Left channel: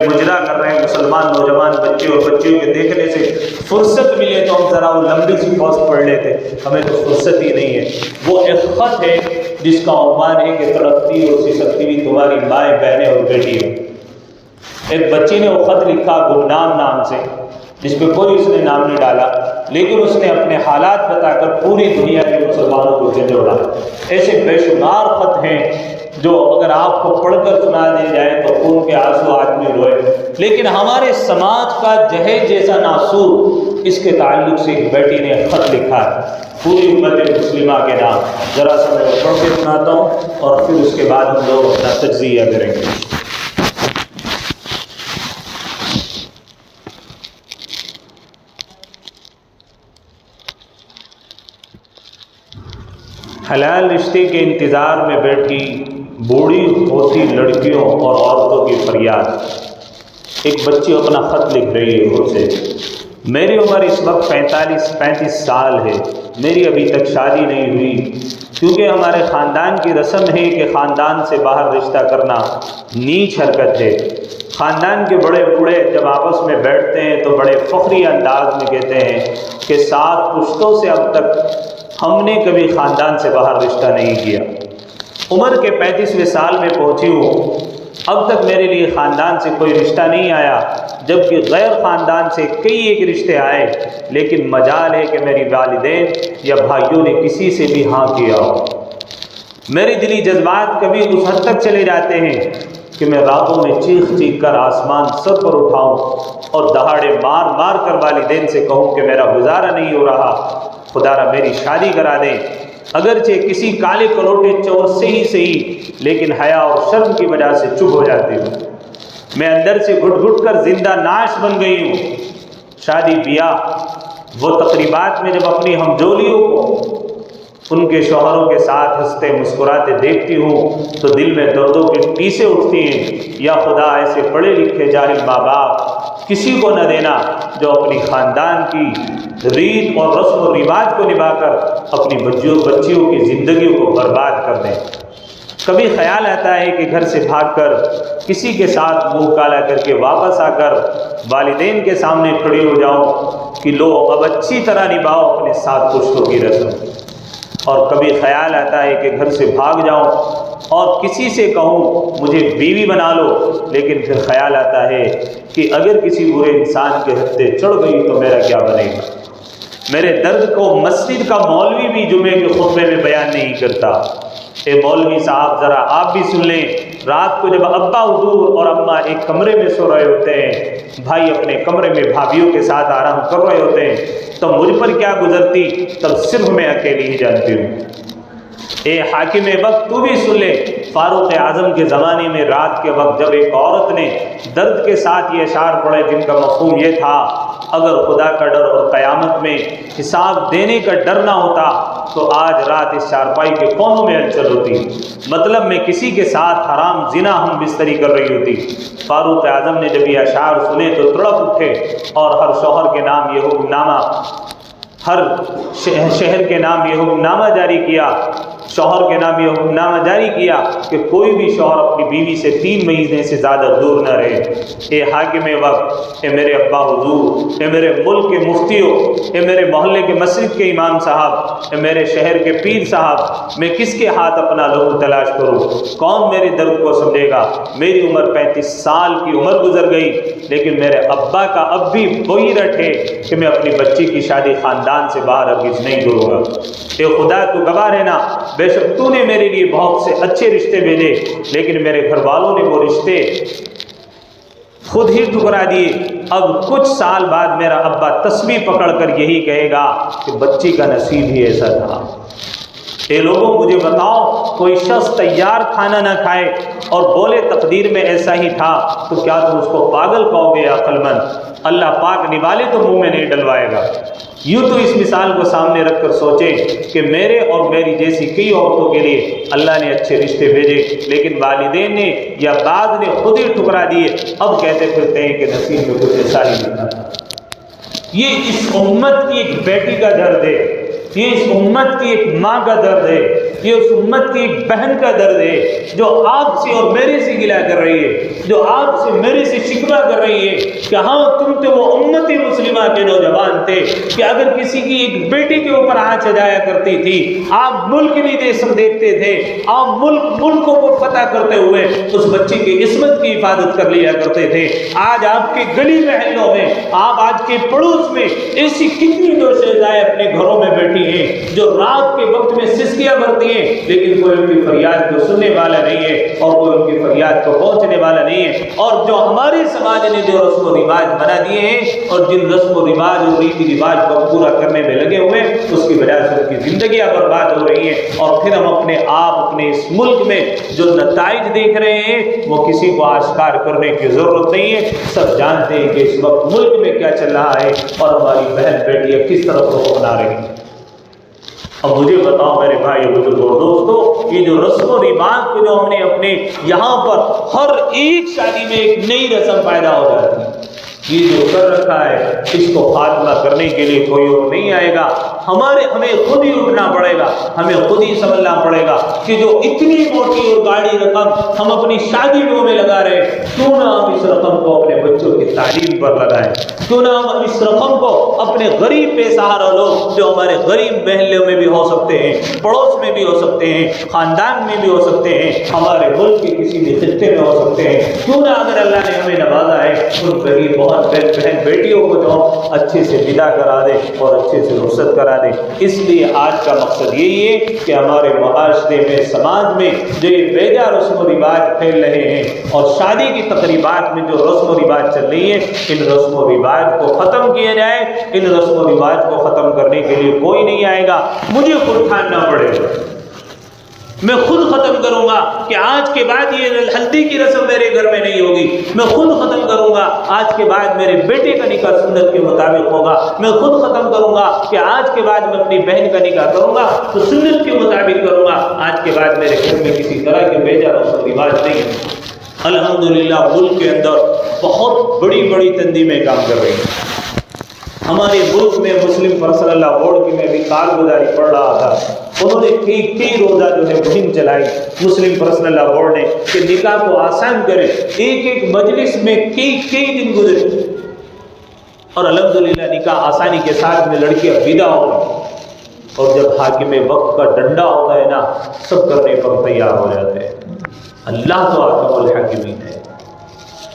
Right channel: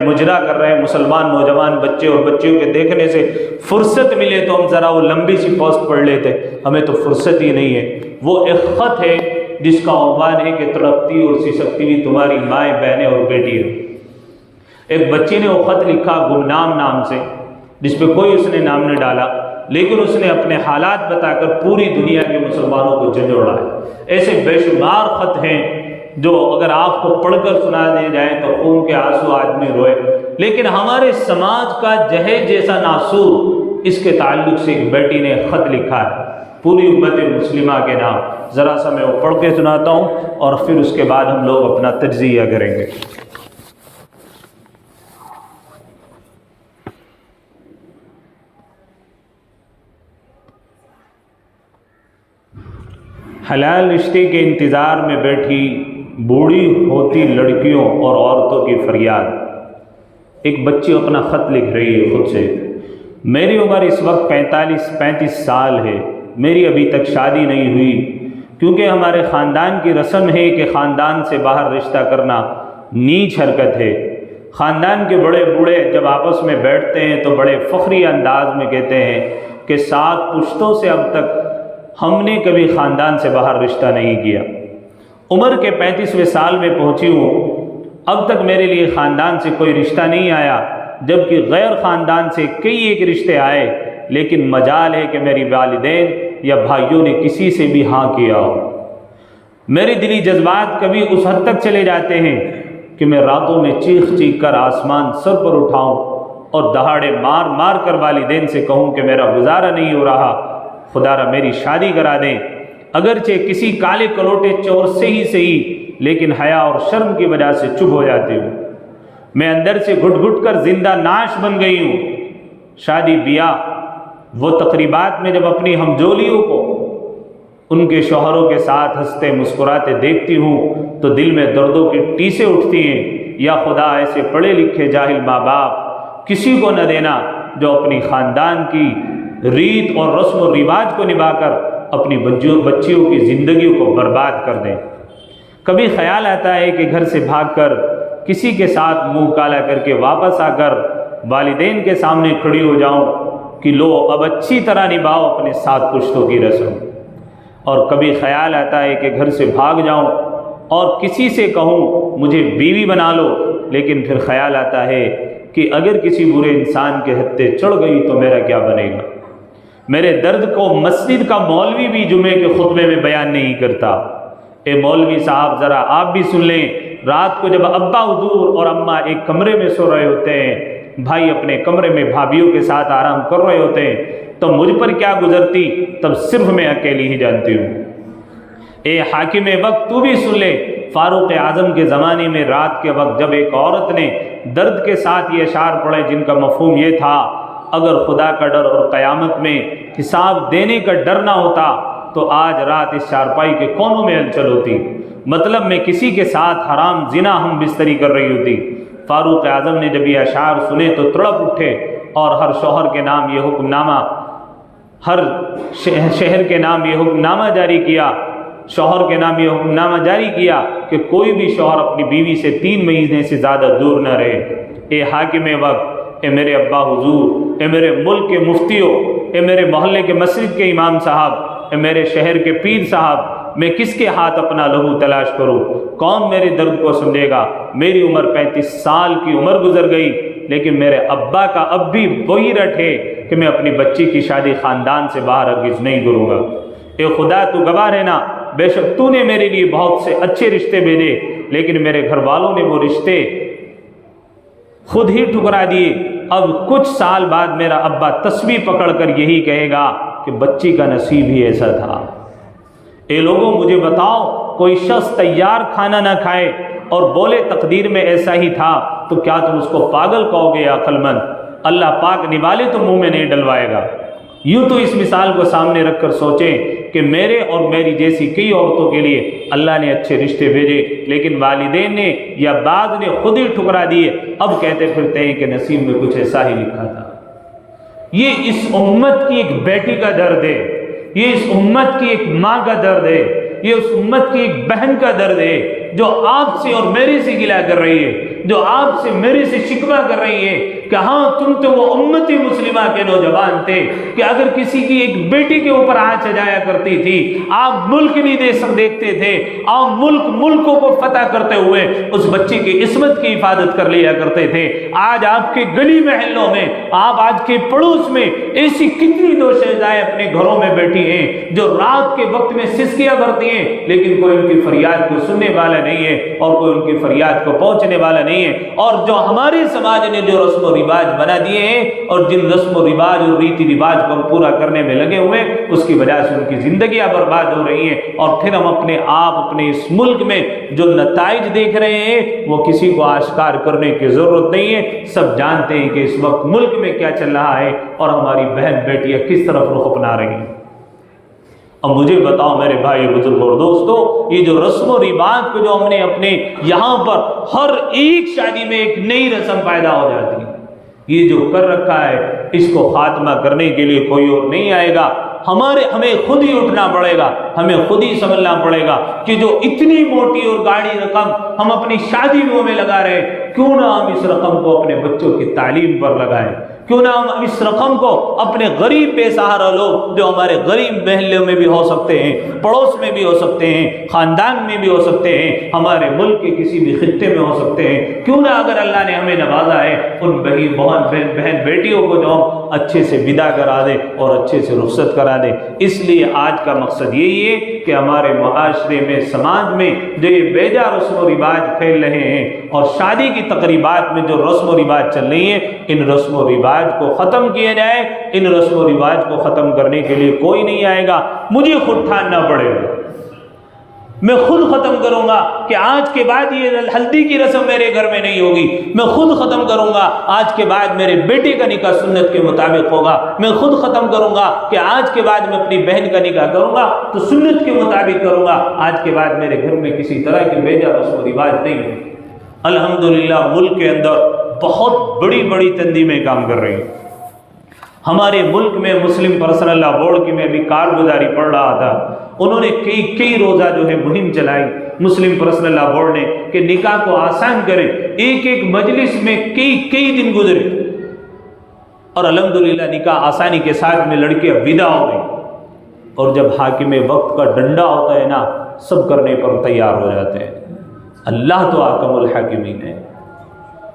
مجرا کر رہے ہیں مسلمان نوجوان بچے اور بچیوں کے دیکھنے سے فرصت ملے تو ہم ذرا وہ لمبی سی پوسٹ پڑھ لیتے، ہمیں تو فرصت ہی نہیں ہے۔ وہ ایک خط ہے جس کا عنوان ہے کہ تڑپتی اور سسکتی ہوئی تمہاری مائیں بہنیں اور بیٹیاں۔ ایک بچی نے وہ خط لکھا گمنام نام سے، جس پہ کوئی اس نے نام نہیں ڈالا، لیکن اس نے اپنے حالات بتا کر پوری دنیا کے مسلمانوں کو جھنجھوڑا۔ ایسے بے شمار خط ہیں جو اگر آپ کو پڑھ کر سنا دیے جائیں تو خون کے آنسو آدمی روئے، لیکن ہمارے سماج کا جہیز جیسا ناسور اس کے تعلق سے ایک بیٹی نے خط لکھا ہے پوری امت مسلمہ کے نام۔ ذرا سا میں وہ پڑھ کے سناتا ہوں اور پھر اس کے بعد ہم لوگ اپنا تجزیہ کریں گے۔ حلال رشتے کے انتظار میں بیٹھی بوڑھی ہوتی لڑکیوں اور عورتوں کی فریاد۔ ایک بچی اپنا خط لکھ رہی ہے خود سے، میری عمر اس وقت 35 سال ہے، میری ابھی تک شادی نہیں ہوئی، کیونکہ ہمارے خاندان کی رسم ہے کہ خاندان سے باہر رشتہ کرنا نیچ حرکت ہے۔ خاندان کے بڑے بوڑھے جب آپس میں بیٹھتے ہیں تو بڑے فخری انداز میں کہتے ہیں کہ 7 پشتوں سے اب تک ہم نے کبھی خاندان سے باہر رشتہ نہیں کیا۔ عمر کے 35ویں سال میں پہنچی ہوں، اب تک میرے لیے خاندان سے کوئی رشتہ نہیں آیا، جبکہ غیر خاندان سے کئی ایک رشتے آئے، لیکن مجال ہے کہ میری والدین یا بھائیوں نے کسی سے بھی ہاں کیا ہو۔ میرے دلی جذبات کبھی اس حد تک چلے جاتے ہیں کہ میں راتوں میں چیخ چیخ کر آسمان سر پر اٹھاؤں اور دہاڑے مار مار کر والدین سے کہوں کہ میرا گزارا نہیں ہو رہا، خدا را میری شادی کرا دیں۔ اگرچہ کسی کالے کلوٹے چور سے ہی لیکن حیا اور شرم کی وجہ سے چپ ہو جاتی ہوں۔ میں اندر سے گھٹ گھٹ کر زندہ ناش بن گئی ہوں۔ شادی بیاہ وہ تقریبات میں جب اپنی ہمجولیوں کو ان کے شوہروں کے ساتھ ہنستے مسکراتے دیکھتی ہوں تو دل میں دردوں کی ٹیسیں اٹھتی ہیں۔ یا خدا ایسے پڑھے لکھے جاہل ماں باپ کسی کو نہ دینا جو اپنی خاندان کی ریت اور رسم و رواج کو نبھا کر اپنی بچیوں کی زندگیوں کو برباد کر دیں۔ کبھی خیال آتا ہے کہ گھر سے بھاگ کر کسی کے ساتھ منہ کالا کر کے واپس آ کر والدین کے سامنے کھڑی ہو جاؤں کہ لو اب اچھی طرح نبھاؤ اپنے 7 پشتوں کی رسم۔ اور کبھی خیال آتا ہے کہ گھر سے بھاگ جاؤں اور کسی سے کہوں مجھے بیوی بنا لو، لیکن پھر خیال آتا ہے کہ اگر کسی برے انسان کے ہتھے چڑھ گئی تو میرا کیا بنے گا۔ میرے درد کو مسجد کا مولوی بھی جمعے کے خطبے میں بیان نہیں کرتا۔ اے مولوی صاحب ذرا آپ بھی سن لیں، رات کو جب ابا حضور اور اماں ایک کمرے میں سو رہے ہوتے ہیں، بھائی اپنے کمرے میں بھابھیوں کے ساتھ آرام کر رہے ہوتے ہیں، تو مجھ پر کیا گزرتی تب صرف میں اکیلی ہی جانتی ہوں۔ اے حاکم وقت تو بھی سن لے، فاروق اعظم کے زمانے میں رات کے وقت جب ایک عورت نے درد کے ساتھ یہ اشعار پڑھے جن کا مفہوم یہ تھا، اگر خدا کا ڈر اور قیامت میں حساب دینے کا ڈر نہ ہوتا تو آج رات اس چارپائی کے کونوں میں ہلچل ہوتی، مطلب میں کسی کے ساتھ حرام زنا ہم بستری کر رہی ہوتی۔ فاروق اعظم نے جب یہ اشعار سنے تو تڑپ اٹھے اور ہر شوہر کے نام یہ حکم نامہ، ہر شہر کے نام یہ حکم نامہ جاری کیا، شوہر کے نام یہ حکم نامہ جاری کیا کہ کوئی بھی شوہر اپنی بیوی سے 3 مہینے سے زیادہ دور نہ رہے۔ اے حاکم وقت، اے میرے ابا حضور، اے میرے ملک کے مفتیوں، اے میرے محلے کے مسجد کے امام صاحب، اے میرے شہر کے پیر صاحب، میں کس کے ہاتھ اپنا لہو تلاش کروں؟ کون میرے درد کو سمجھے گا؟ میری عمر 35 سال کی عمر گزر گئی، لیکن میرے ابا کا اب بھی وہی رٹ ہے کہ میں اپنی بچی کی شادی خاندان سے باہر ہرگز نہیں کروں گا۔ اے خدا تو گواہ رہنا، بے شک تو نے میرے لیے بہت سے اچھے رشتے بھیجے، لیکن میرے گھر والوں نے وہ رشتے خود ہی ٹھکرا دیے۔ اب کچھ سال بعد میرا ابا تسبیح پکڑ کر یہی کہے گا کہ بچی کا نصیب ہی ایسا تھا۔ اے لوگوں مجھے بتاؤ، کوئی شخص تیار کھانا نہ کھائے اور بولے تقدیر میں ایسا ہی تھا تو کیا تم اس کو پاگل کہو گے یا عقل مند؟ اللہ پاک نوالے تو منہ میں نہیں ڈلوائے گا۔ یوں تو اس مثال کو سامنے رکھ کر سوچیں کہ میرے اور میری جیسی کئی عورتوں کے لیے اللہ نے اچھے رشتے بھیجے، لیکن والدین نے یا بعد نے خود ہی ٹھکرا دیے، اب کہتے پھرتے ہیں کہ نصیب میں کچھ ایسا ہی لکھا تھا۔ یہ اس امت کی ایک بیٹی کا درد ہے، یہ اس امت کی ایک ماں کا درد ہے یہ اس امت کی ایک بہن کا درد ہے جو آپ سے اور میرے سے گلا کر رہی ہے، جو آپ سے میرے سے شکوہ کر رہی ہے کہ ہاں تم تو وہ امت مسلمہ کے نوجوان تھے کہ اگر کسی کی ایک بیٹی کے اوپر آنچ جایا کرتی تھی آپ ملک نہیں دیکھتے تھے، آپ ملکوں کو فتح کرتے ہوئے اس بچی کی عصمت کی حفاظت کر لیا کرتے تھے۔ آج آپ کے گلی محلوں میں، آج کے پڑوس میں ایسی کتنی دوشیزائیں اپنے گھروں میں بیٹھی ہیں جو رات کے وقت میں سسکیاں بھرتی ہیں لیکن کوئی ان کی فریاد کو سننے والا نہیں ہے اور کوئی ان کی فریاد کو پہنچنے والا نہیں ہے۔ اور جو ہمارے سماج نے جو رسم و رواج بنا دیے ہیں اور جن رسم و رواج اور ریتی رواج کو پورا کرنے میں لگے ہوئے، اس کی وجہ سے ان کی زندگیاں برباد ہو رہی ہیں۔ اور پھر ہم اپنے آپ اپنے اس ملک میں جو نتائج دیکھ رہے ہیں وہ کسی کو آشکار کرنے کی ضرورت نہیں ہے، سب جانتے ہیں کہ اس وقت ملک میں کیا چل رہا ہے اور ہماری بہن بیٹیاں کس طرف رخ اپنا رہی ہیں۔ اور مجھے بتاؤ میرے بھائی بزرگ اور دوستو، یہ جو رسم و رواج کو جو ہم نے اپنے یہاں پر ہر ایک شادی میں ایک نئی رسم پیدا ہو جاتی ہے، یہ جو کر رکھا ہے اس کو خاتمہ کرنے کے لیے کوئی اور نہیں آئے گا، ہمیں خود ہی اٹھنا پڑے گا، ہمیں خود ہی سمجھنا پڑے گا کہ جو اتنی موٹی اور گاڑی رقم ہم اپنی شادیوں میں لگا رہے ہیں، کیوں نہ ہم اس رقم کو اپنے بچوں کی تعلیم پر لگائیں، کیوں نہ ہم اس رقم کو اپنے غریب بے سہارا لوگ جو ہمارے غریب محلوں میں بھی ہو سکتے ہیں، پڑوس میں بھی ہو سکتے ہیں، خاندان میں بھی ہو سکتے ہیں، ہمارے ملک کے کسی بھی خطے میں ہو سکتے ہیں، کیوں نہ اگر اللہ نے ہمیں نوازا ہے ان بہن بیٹیوں کو جو ہم اچھے سے ودا کرا دیں اور اچھے سے رخصت کرا دیں۔ اس لیے آج کا مقصد یہی ہے کہ ہمارے معاشرے میں، سماج میں جو یہ بیجا رسم و رواج پھیل رہے ہیں اور شادی کی تقریبات میں جو رسم و رواج چل رہی ہیں، ان رسم و رواج کو ختم کیا جائے۔ ان رسم و رواج کو ختم کرنے کے لیے کوئی نہیں آئے گا، مجھے خود ٹھاننا پڑے گا، میں خود ختم کروں گا کہ آج کے بعد یہ ہلدی کی رسم میرے گھر میں نہیں ہوگی، میں خود ختم کروں گا آج کے بعد میرے بیٹے کا نکاح سنت کے مطابق ہوگا، میں خود ختم کروں گا کہ آج کے بعد میں اپنی بہن کا نکاح کروں گا تو سنت کے مطابق کروں گا، آج کے بعد میرے گھر میں کسی طرح کے بیجا رسم و رواج نہیں ہے۔ الحمدللہ ملک کے اندر بہت بڑی بڑی تنظیمیں کام کر رہی ہیں۔ ہمارے ملک میں مسلم پرسنل لا بورڈ کی میں بھی کارگزاری پڑھ رہا تھا، انہوں نے کئی روزہ جو ہے مہم چلائی مسلم پرسنل لا بورڈ نے کہ نکاح کو آسان کرے، ایک مجلس میں کئی دن گزرے اور الحمدللہ نکاح آسانی کے ساتھ میں لڑکیاں ودا ہو گئی۔ اور جب حاکم وقت کا ڈنڈا ہوتا ہے نا، سب کرنے پر تیار ہو جاتے ہیں۔ اللہ تو حاکم الحاکمین ہے۔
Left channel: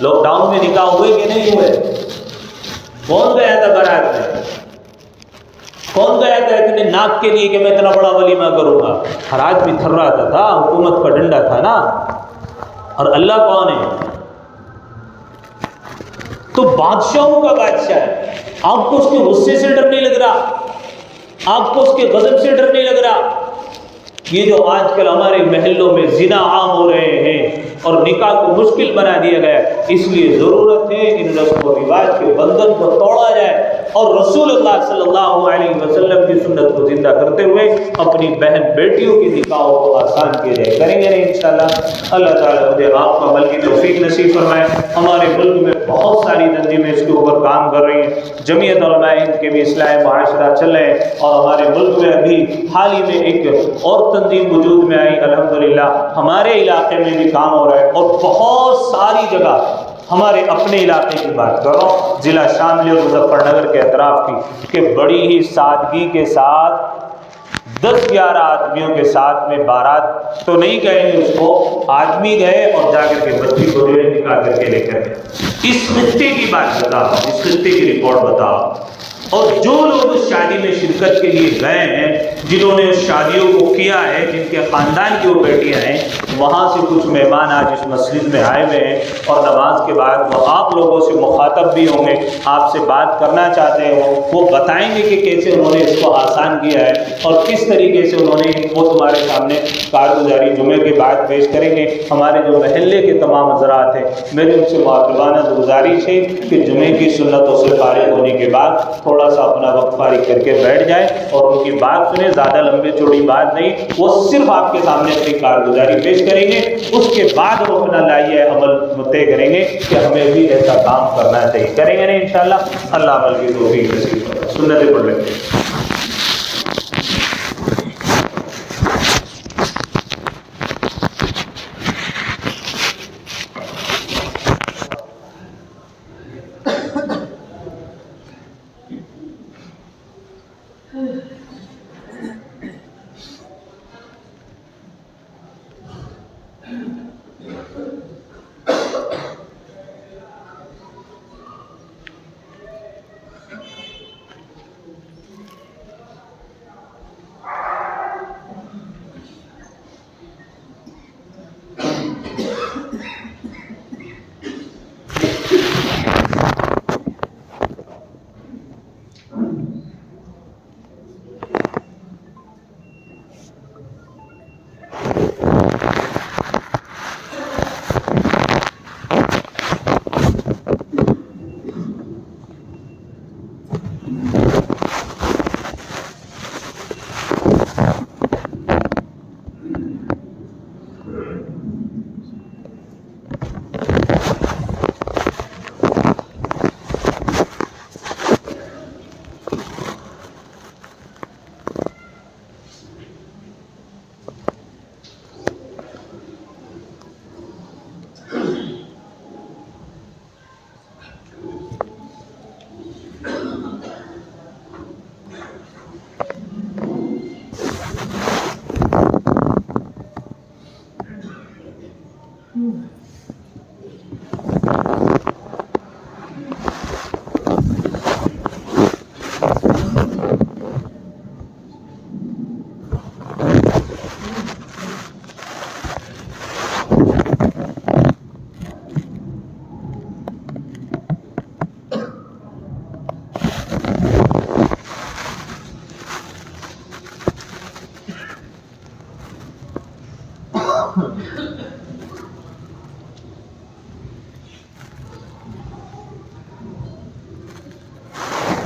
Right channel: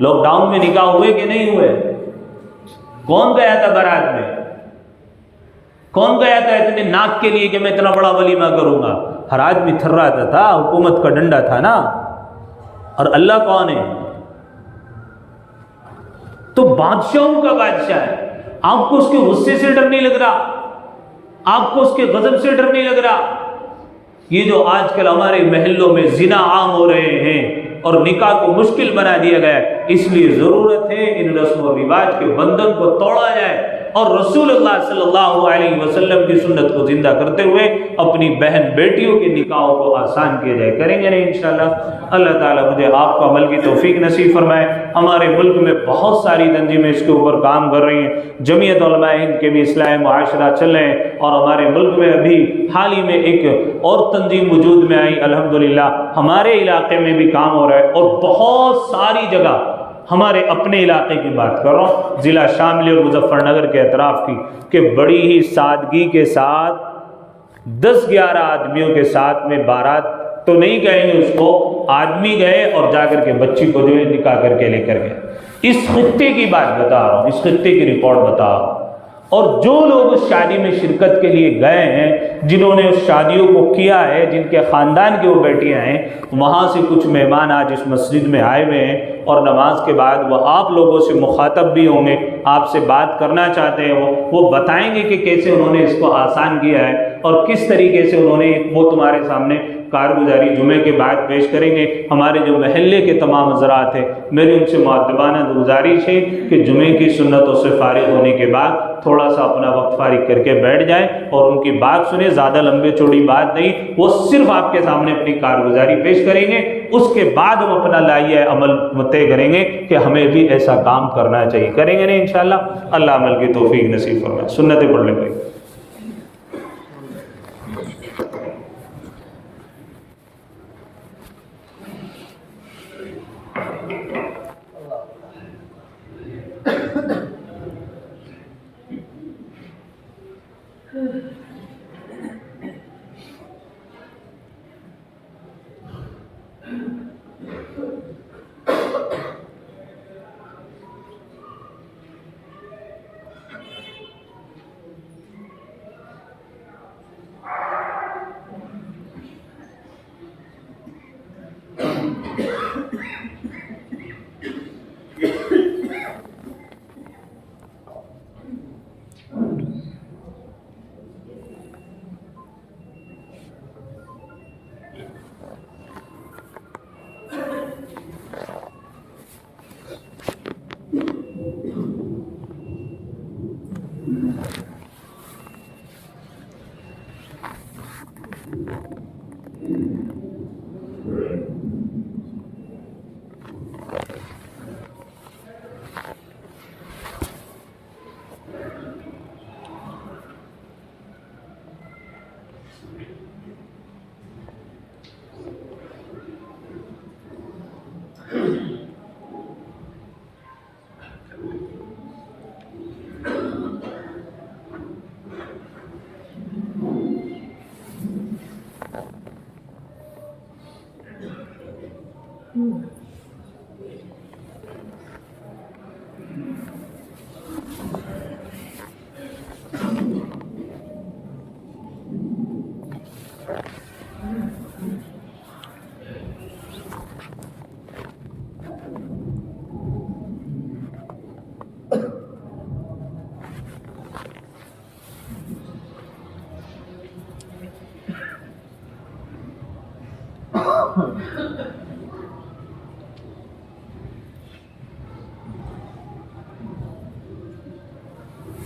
لاک ڈاؤن میں نکاح ہوئے کہ نہیں ہوئے؟ کون گیا تھا بارات میں؟ کون گیا تھا اتنے ناک کے لیے کہ میں اتنا بڑا ولیمہ کروں گا؟ ہر آدمی تھراتا تھا، حکومت کا ڈنڈا تھا نا۔ اور اللہ کون ہے؟ تو بادشاہوں کا بادشاہ ہے۔ آپ کو اس کے غصے سے ڈر نہیں لگ رہا؟ آپ کو اس کے غضب سے ڈر نہیں لگ رہا؟ یہ جو آج کل ہمارے محلوں میں زنا عام ہو رہے ہیں اور نکاح کو مشکل بنا دیا گیا ہے، اس لیے ضرورت ہے ان رسم و رواج کے بندھن کو توڑا جائے اور رسول اللہ صلی اللہ علیہ وسلم کی سنت کو زندہ کرتے ہوئے اپنی بہن بیٹیوں کی نکاحوں کو آسان کیا جائے۔ کریں گے نہیں انشاءاللہ؟ اللہ تعالیٰ مجھے آپ کو عمل کی توفیق نصیب فرمائے۔ ہمارے ملک میں بہت ساری تنظیمیں اس کے اوپر کام کر رہی ہیں، جمعیت علماء ہند کے بھی اصلاح معاشرہ چل رہے ہیں، اور ہمارے ملک میں ابھی حال ہی میں ایک اور تنظیم وجود میں آئی، الحمدللہ ہمارے علاقے میں بھی کام ہو رہا ہے، اور بہت ساری جگہ ہمارے اپنے علاقے کی بات کر رہا ہوں، ضلع شاملی اور مظفر نگر کے اطراف کی، کہ بڑی ہی سادگی کے ساتھ 10-11 آدمیوں کے ساتھ میں بارات تو نہیں کہیں گے اس کو، آدمی گئے اور جا کر کے بچی کو جو ہے نکاح کر کے لے کر گئے۔ اس خطے کی بات بتاؤ، اس خطے کی رپورٹ بتاؤ۔ اور جو لوگ اس شادی میں شرکت کے لیے گئے ہیں، جنہوں نے اس شادیوں کو کیا ہے، جن کے خاندان کی وہ بیٹیاں ہیں، وہاں سے کچھ مہمان آج اس مسجد میں آئے ہوئے ہیں اور نماز کے بعد وہ آپ لوگوں سے مخاطب بھی ہوں گے، آپ سے بات کرنا چاہتے ہو، وہ بتائیں گے کہ کیسے انہوں نے اس کو آسان کیا ہے اور کس طریقے سے انہوں نے وہ تمہارے سامنے کارگزاری جمعے کے بعد پیش کریں گے۔ ہمارے جو محلے کے تمام حضرات ہیں، میری ان سے مؤدبانہ گزارش ہے کہ جمعے کی سنتوں سے فارغ ہونے کے بعد تھوڑا سا اپنا وقت فارغ کر کے بیٹھ جائیں اور ان کی بات سنیں، زیادہ لمبے چوڑی بات نہیں، وہ صرف آپ کے سامنے اپنی کارگزاری پیش کریں گے، اس کے بعد وہ اپنا لائحہ عمل طے کریں گے کہ ہمیں بھی ایسا کام کرنا چاہیے۔ کریں گے نہیں انشاءاللہ؟ اللہ عمل کی توفیق نصیب فرمائے۔ سنتیں پڑھ لیں گے۔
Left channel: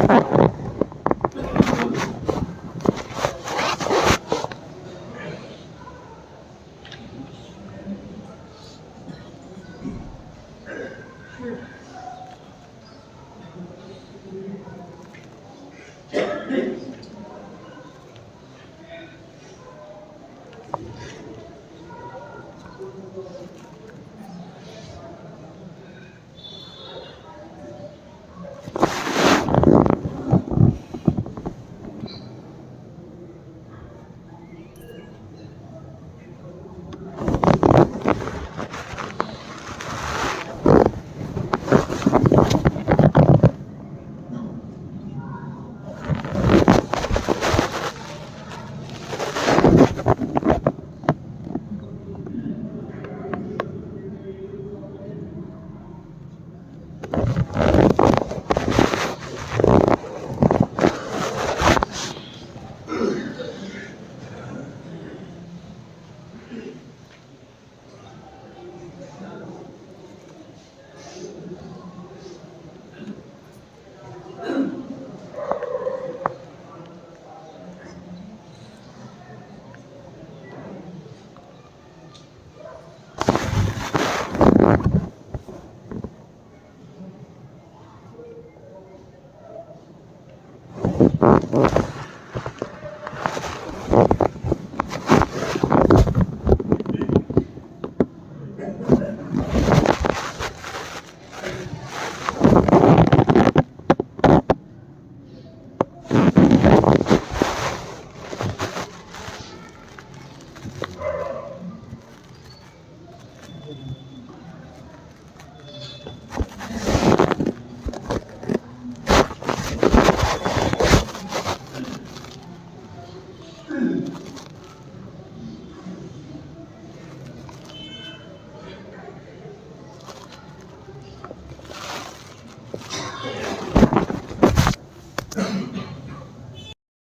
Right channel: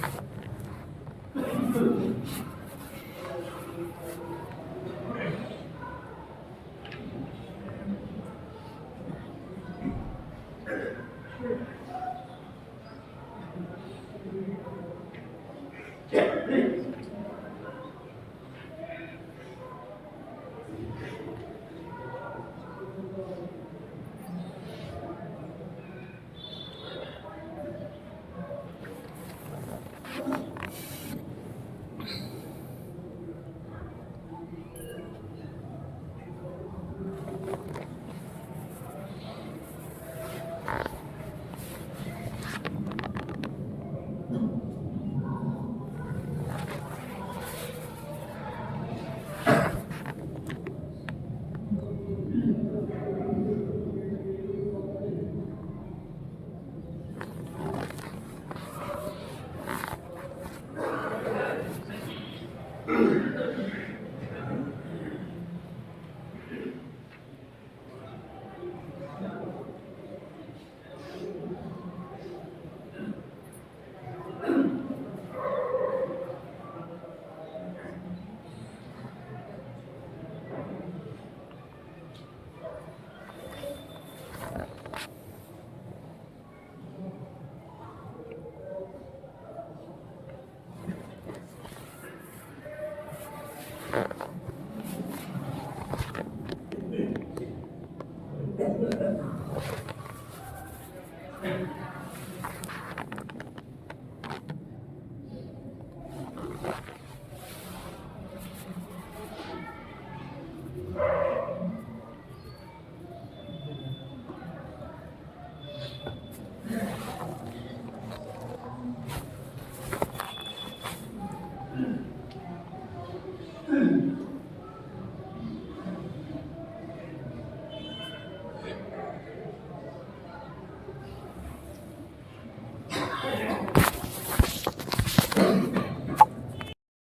Thank you.